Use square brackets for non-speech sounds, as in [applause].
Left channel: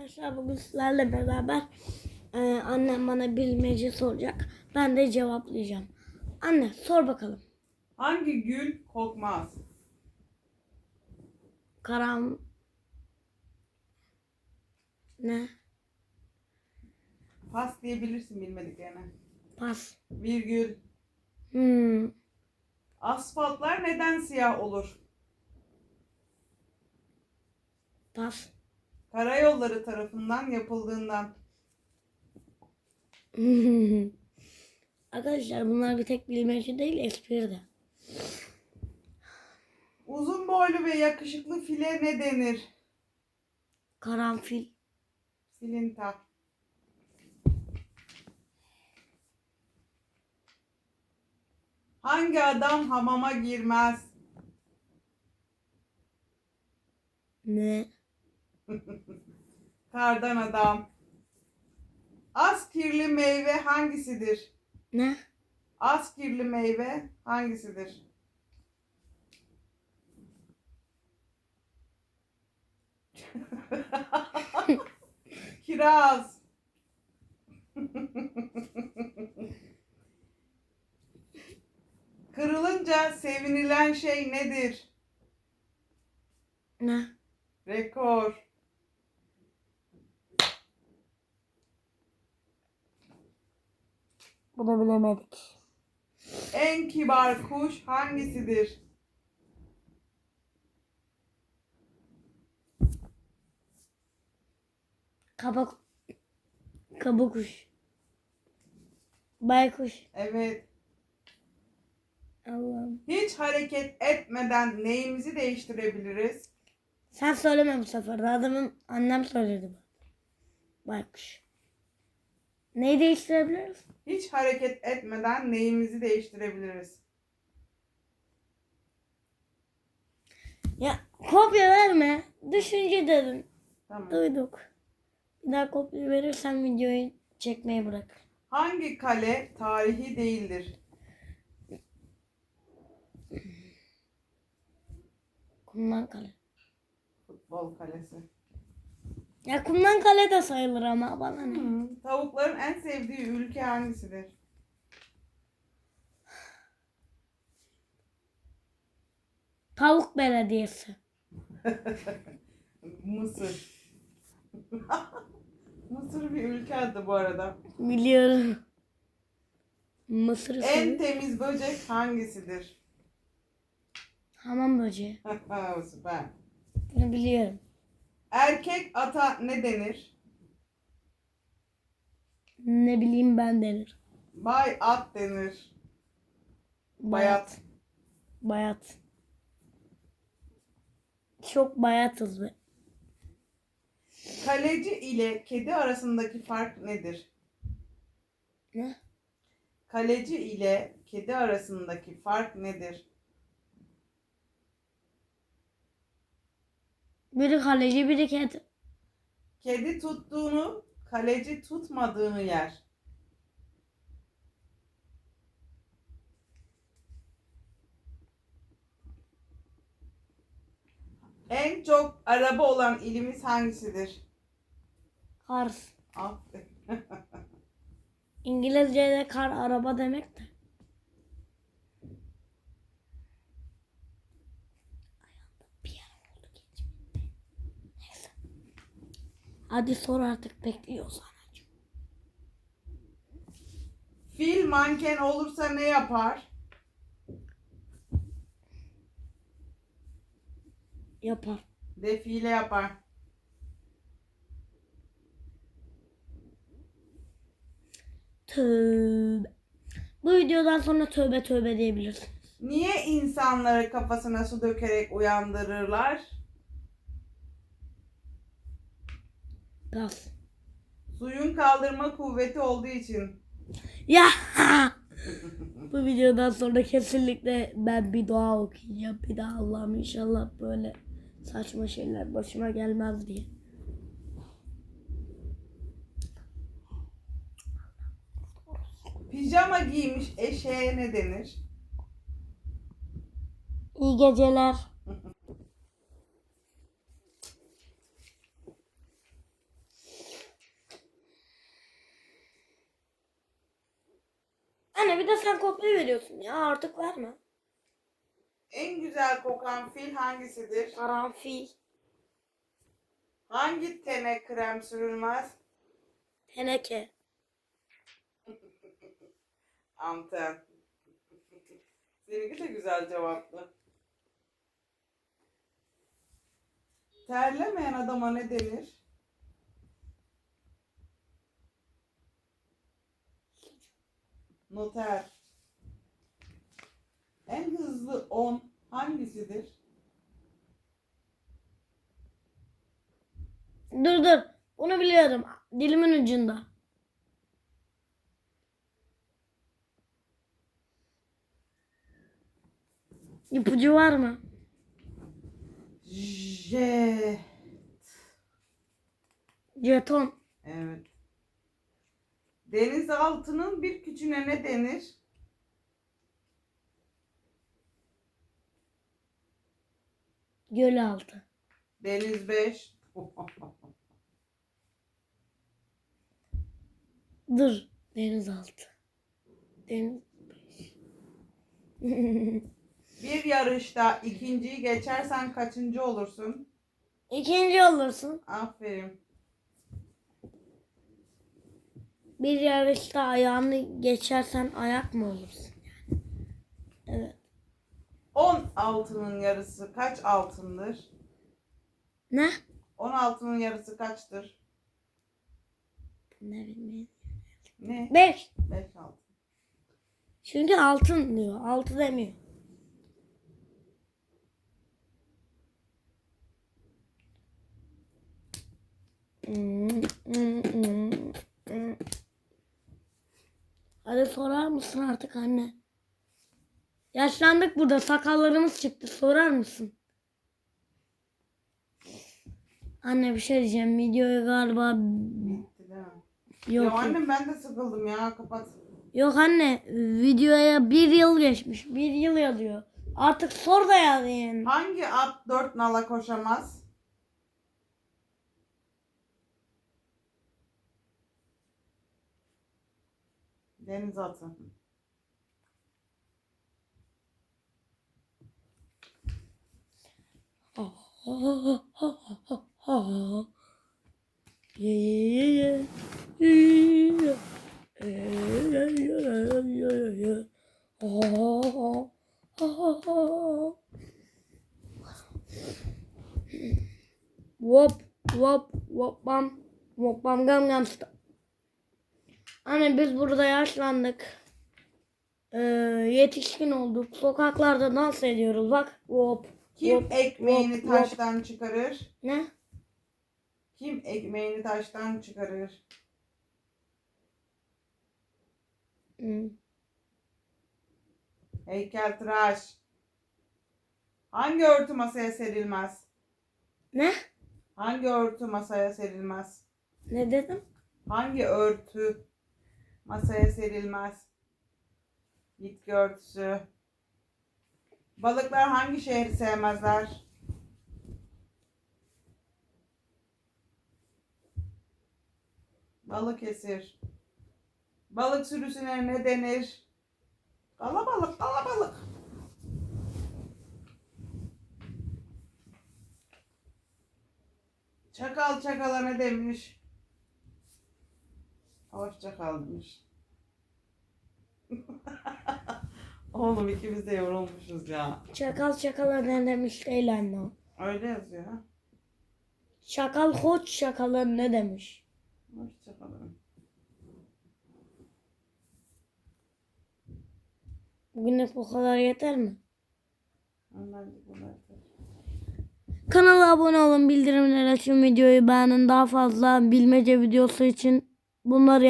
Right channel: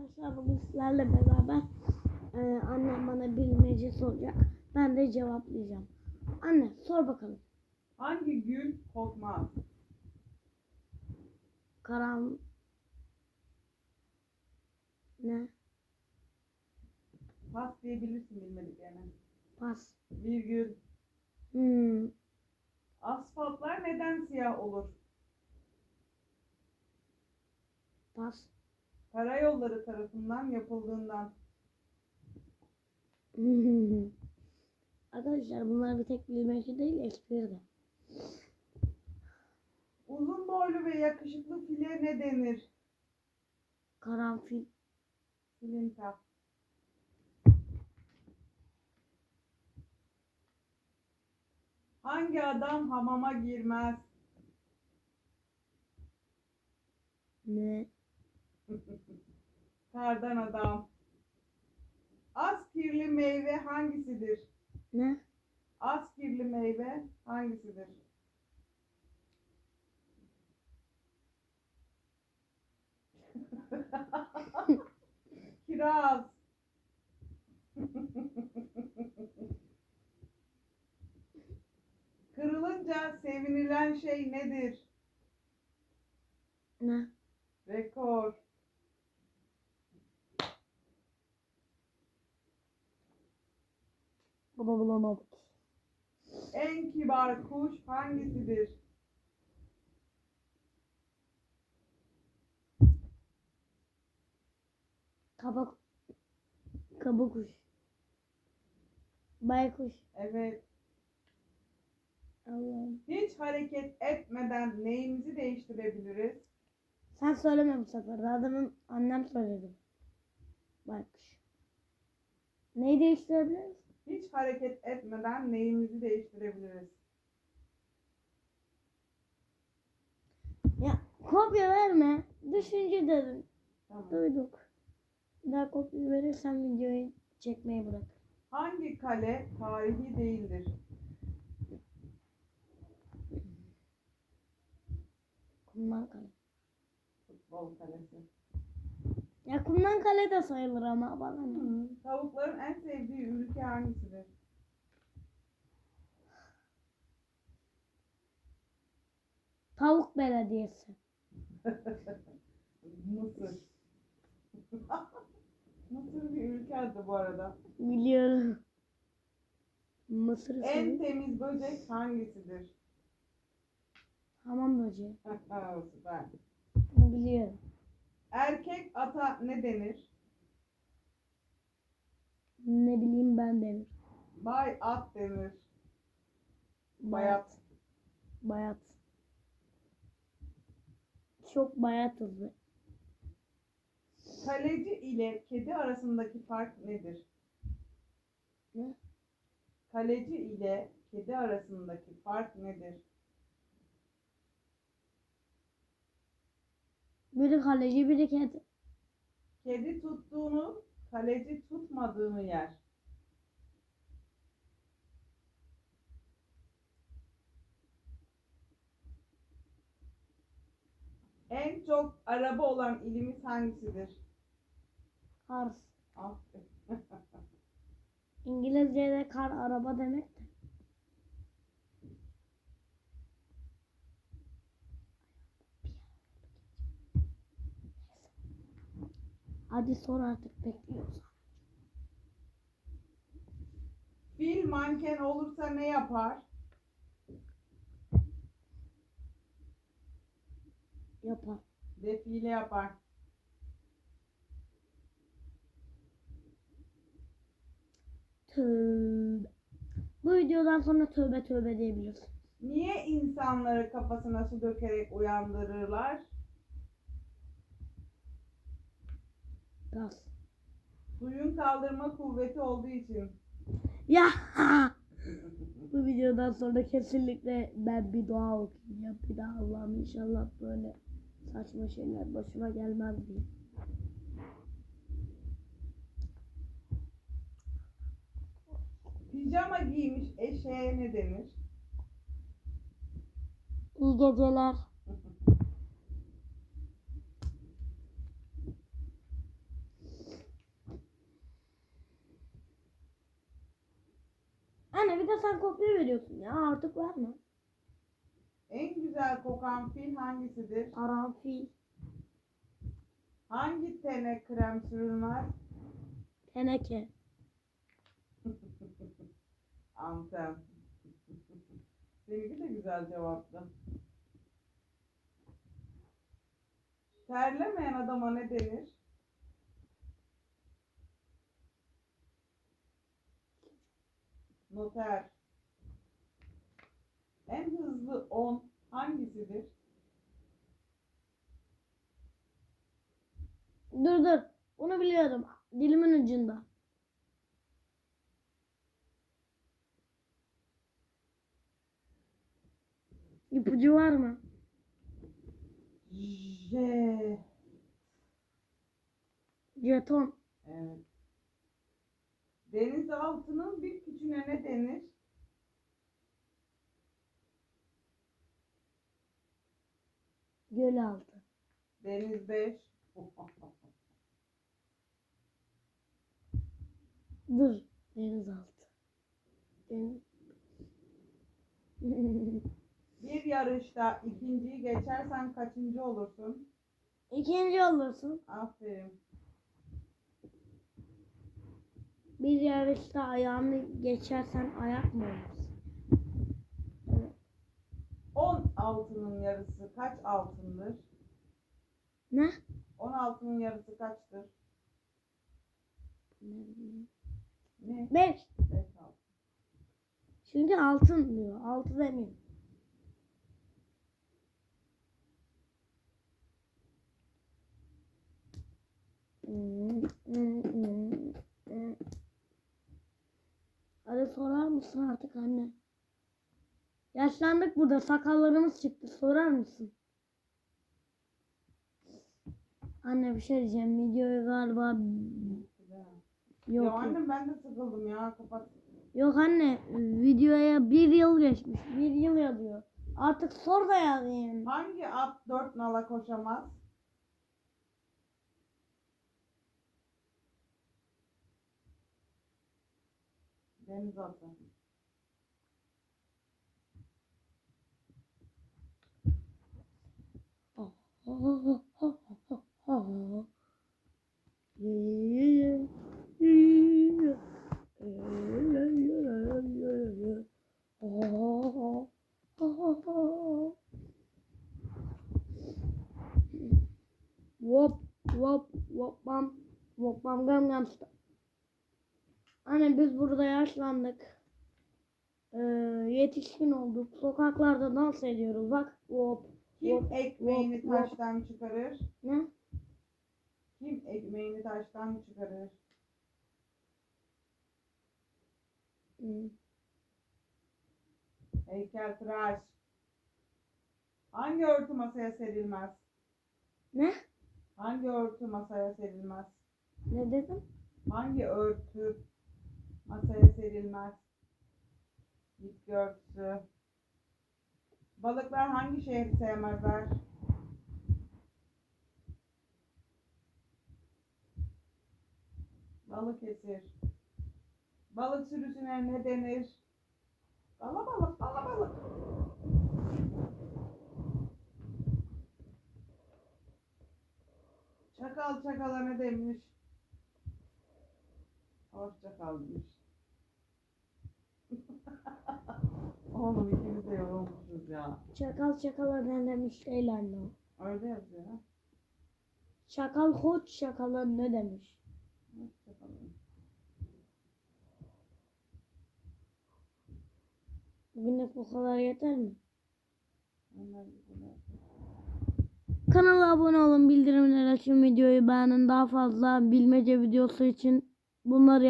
Arkadaşlar bugün sizlerle beraber e, annem bana bilmece soracak. Ben de cevaplayacağım. Anne sor bakalım. Hangi gül kokmaz? Karam... Ne? Pas diyebilirsin bilmediklerine. Pas. Virgül. Hmm. Asfaltlar neden siyah olur? Pas. Karayolları tarafından yapıldığından. [laughs] Arkadaşlar bunlar bir tek bilmece değil espri de. Uzun boylu ve yakışıklı file ne denir? Karanfil. Silinta. Hangi adam hamama girmez? Ne? [laughs] Kardan adam. Az kirli meyve hangisidir? Ne? Az kirli meyve hangisidir? [laughs] Kiraz. Kırılınca sevinilen şey nedir? Ne? Rekor. Bunu bilemedik. En kibar kuş hangisidir? Kabak... Kabukuş. Baykuş. Evet. Allah'ım. Hiç hareket etmeden neyimizi değiştirebiliriz? Sen söyleme bu sefer. Adamın annem söyledi bu. Baykuş. Neyi değiştirebiliriz? Hiç hareket etmeden neyimizi değiştirebiliriz? Ya kopya verme. Düşünce dedim. Tamam. Duyduk. Bir daha kopya verirsen videoyu çekmeyi bırak. Hangi kale tarihi değildir? Kumdan kale. Futbol kalesi. Ya kumdan kale de sayılır ama bana ne? Hı. Tavukların en sevdiği ülke hangisidir? Tavuk belediyesi. [laughs] Mısır. [laughs] Mısır bir ülke adı bu arada. Biliyorum. Mısır En usulü. temiz böcek hangisidir? Hamam böceği. [laughs] Süper. Bunu biliyorum. Erkek ata ne denir? Ne bileyim ben denir. Bay at denir. Bayat. Bayat. Çok bayatız be. Kaleci ile kedi arasındaki fark nedir? Ne? Kaleci ile kedi arasındaki fark nedir? Biri kaleci biri kedi. Kedi tuttuğunu, kaleci tutmadığını yer. En çok araba olan ilimiz hangisidir? Kars. Aferin. [laughs] İngilizce'de kar araba demek de. Bir yer oldu geçmedi. Neyse. Hadi sor artık bekliyoruz anacığım. Fil manken olursa ne yapar? Yapar. Defile yapar. Tövbe. Bu videodan sonra tövbe tövbe diyebilirsin. Niye insanları kafasına su dökerek uyandırırlar? Pas. Suyun kaldırma kuvveti olduğu için. Ya. [laughs] Bu videodan sonra kesinlikle ben bir dua okuyacağım. Bir daha Allah'ım inşallah böyle saçma şeyler başıma gelmez diye. Pijama giymiş eşeğe ne denir? İyi geceler. Anne bir de sen kopya veriyorsun ya artık verme. En güzel kokan fil hangisidir? Karanfil, Hangi tene krem sürülmez? teneke. [laughs] Anten. Seninki de güzel cevaptı. Terlemeyen adama ne denir? Noter. En hızlı 10 hangisidir? Dur dur. Onu biliyorum. Dilimin ucunda. İpucu var mı? J. Jeton. Evet. Denizaltının bir küçüğüne ne denir? Gölaltı. Deniz 5. [laughs] Dur. Denizaltı. Deniz. [laughs] Bir yarışta ikinciyi geçersen kaçıncı olursun? İkinci olursun. Aferin. Bir yarışta ayağını geçersen ayak mı olursun? Evet. 10 altının yarısı kaç altındır? Ne? 10 altının yarısı kaçtır? Ne bileyim. Ne? Beş. 5 altın. Çünkü altın diyor. Altı demiyor. Hmm, hmm, hmm. Hadi sorar mısın artık anne? Yaşlandık burada. Sakallarımız çıktı. Sorar mısın? Anne bir şey diyeceğim. Videoyu galiba yok. Ya annem ben de sıkıldım ya kapat. Yok anne videoya bir yıl geçmiş. Bir yıl yazıyor. Artık sor da yaz yani. Hangi at 4 nala koşamaz? Oh, oh. Wop wop wop bam wop bam gam gam sta. Anne biz burada yaşlandık. Ee, yetişkin olduk. Sokaklarda dans ediyoruz. Bak wop. Kim wop, ekmeğini wop. taştan çıkarır? Ne? Kim ekmeğini taştan çıkarır? Hmm. Heykeltıraş. Hangi örtü masaya serilmez? Ne? Hangi örtü masaya serilmez? Ne dedim? Hangi örtü masaya serilmez? Bitki örtüsü. Balıklar hangi şehri sevmezler? Balıkesir. Balık sürüsüne ne denir? Kalabalık, kalabalık. Çakal çakala ne demiş? Hoşça kal demiş. [laughs] Oğlum ikimiz de yorulmuşuz ya. Çakal çakala ne demiş değil anne. Öyle yazıyor ha. Şakal şakala ne demiş? Hoşça kalın. Bugünlük bu kadar yeter mi? Onlar bunlar. Kanala abone olun, bildirimleri açın, videoyu beğenin. Daha fazla bilmece videosu için bunları